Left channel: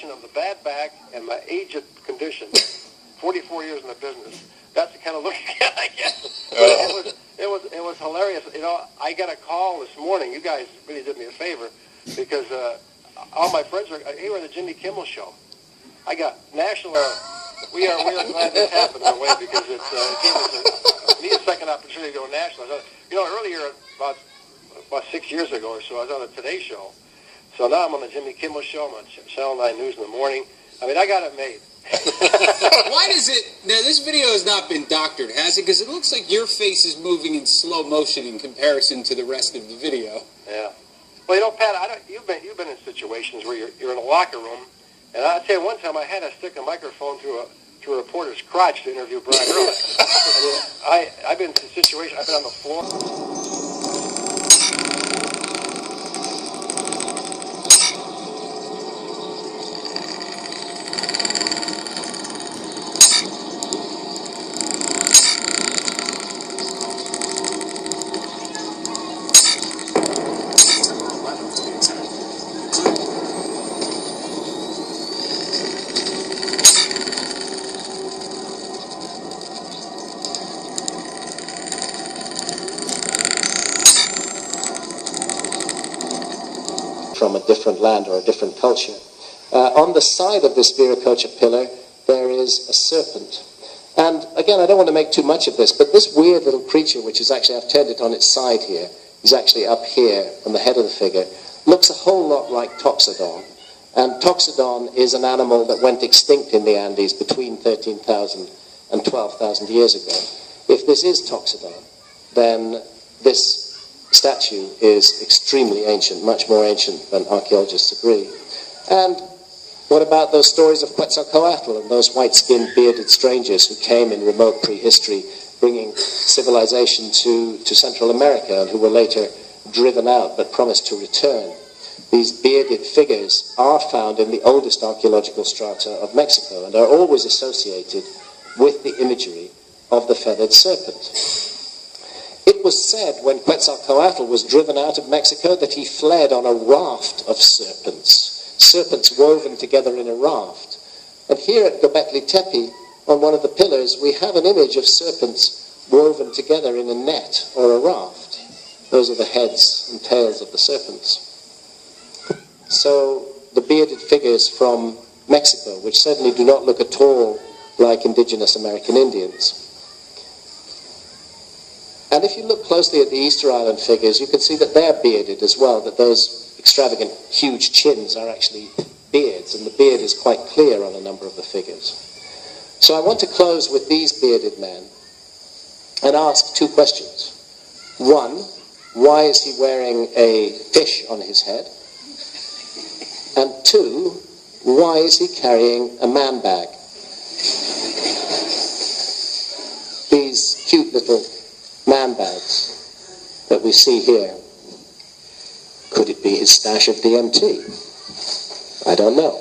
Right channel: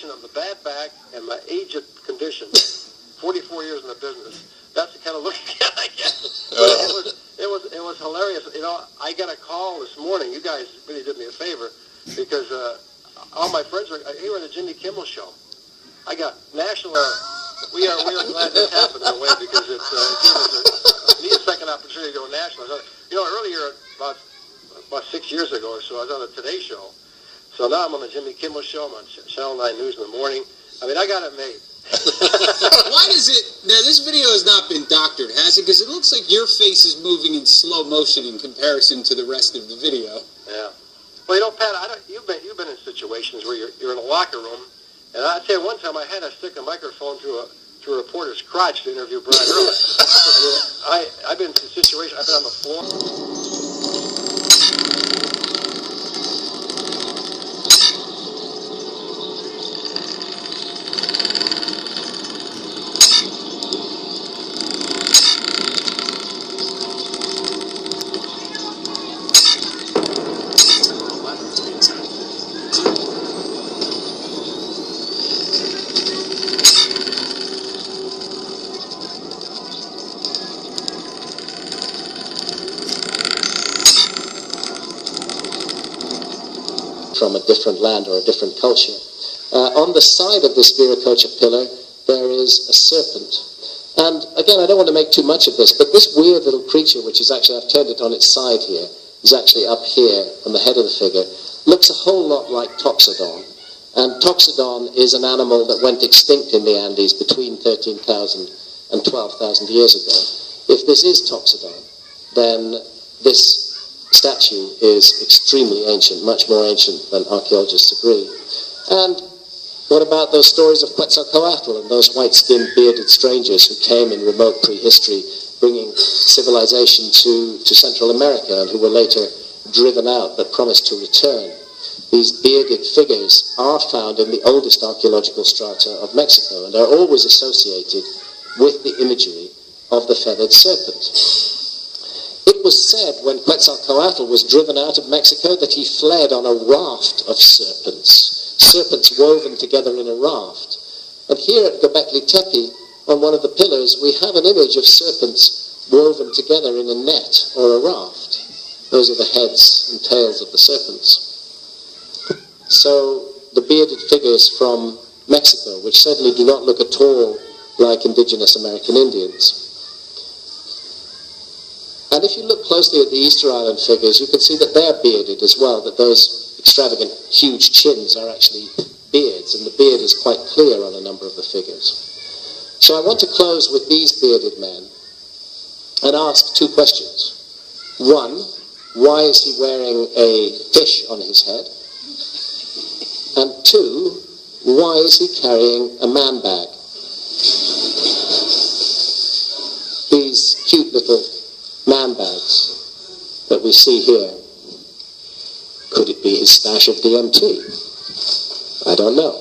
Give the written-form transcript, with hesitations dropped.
combination of the bad back and my aged condition. 44 years in the business. That's the kind of look you get, I guess. But it was hilarious. You know, I got a call this morning. You guys really did me a favor because all my friends are here on the Jimmy Kimmel show. I got national. We are glad this happened in a way because it needs a second opportunity to go national. You know, earlier about 6 years ago or so, I was on the Today Show. So now I'm on the Jimmy Kimmel show. I'm on Channel 9 News in the morning. I mean, I got it made. Why does it... Now, this video has not been doctored, has it? Because it looks like your face is moving in slow motion in comparison to the rest of the video. Yeah. Well, you know, Pat, you've been in situations where you're in a locker room, and I'll tell you one time I had to stick a microphone to a reporter's crotch to interview Brian Ehrlich. I mean, I've been in situations, I've been on the floor. From a different land or a different culture. On the side of this Viracocha pillar, there is a serpent. And again, I don't want to make too much of this, but this weird little creature, which is actually, I've turned it on its side here, is actually up here on the head of the figure, looks a whole lot like Toxodon. And Toxodon is an animal that went extinct in the Andes between 13,000 and 12,000 years ago. If this is Toxodon, then this statue is extremely ancient, much more ancient than archaeologists agree. And what about those stories of Quetzalcoatl and those white-skinned, bearded strangers who came in remote prehistory, bringing civilization to Central America and who were later driven out but promised to return? These bearded figures are found in the oldest archaeological strata of Mexico and are always associated with the imagery of the feathered serpent. It was said when Quetzalcoatl was driven out of Mexico that he fled on a raft of serpents woven together in a raft. And here at Göbekli Tepe, on one of the pillars, we have an image of serpents woven together in a net or a raft. Those are the heads and tails of the serpents. So the bearded figures from Mexico, which certainly do not look at all like indigenous American Indians. And if you look closely at the Easter Island figures, you can see that they are bearded as well, that those extravagant, huge chins are actually beards, and the beard is quite clear on a number of the figures. So I want to close with these bearded men and ask two questions. One, why is he wearing a fish on his head? And two, why is he carrying a man bag? These cute little man bags that we see here. Could it be his stash of DMT? I don't know.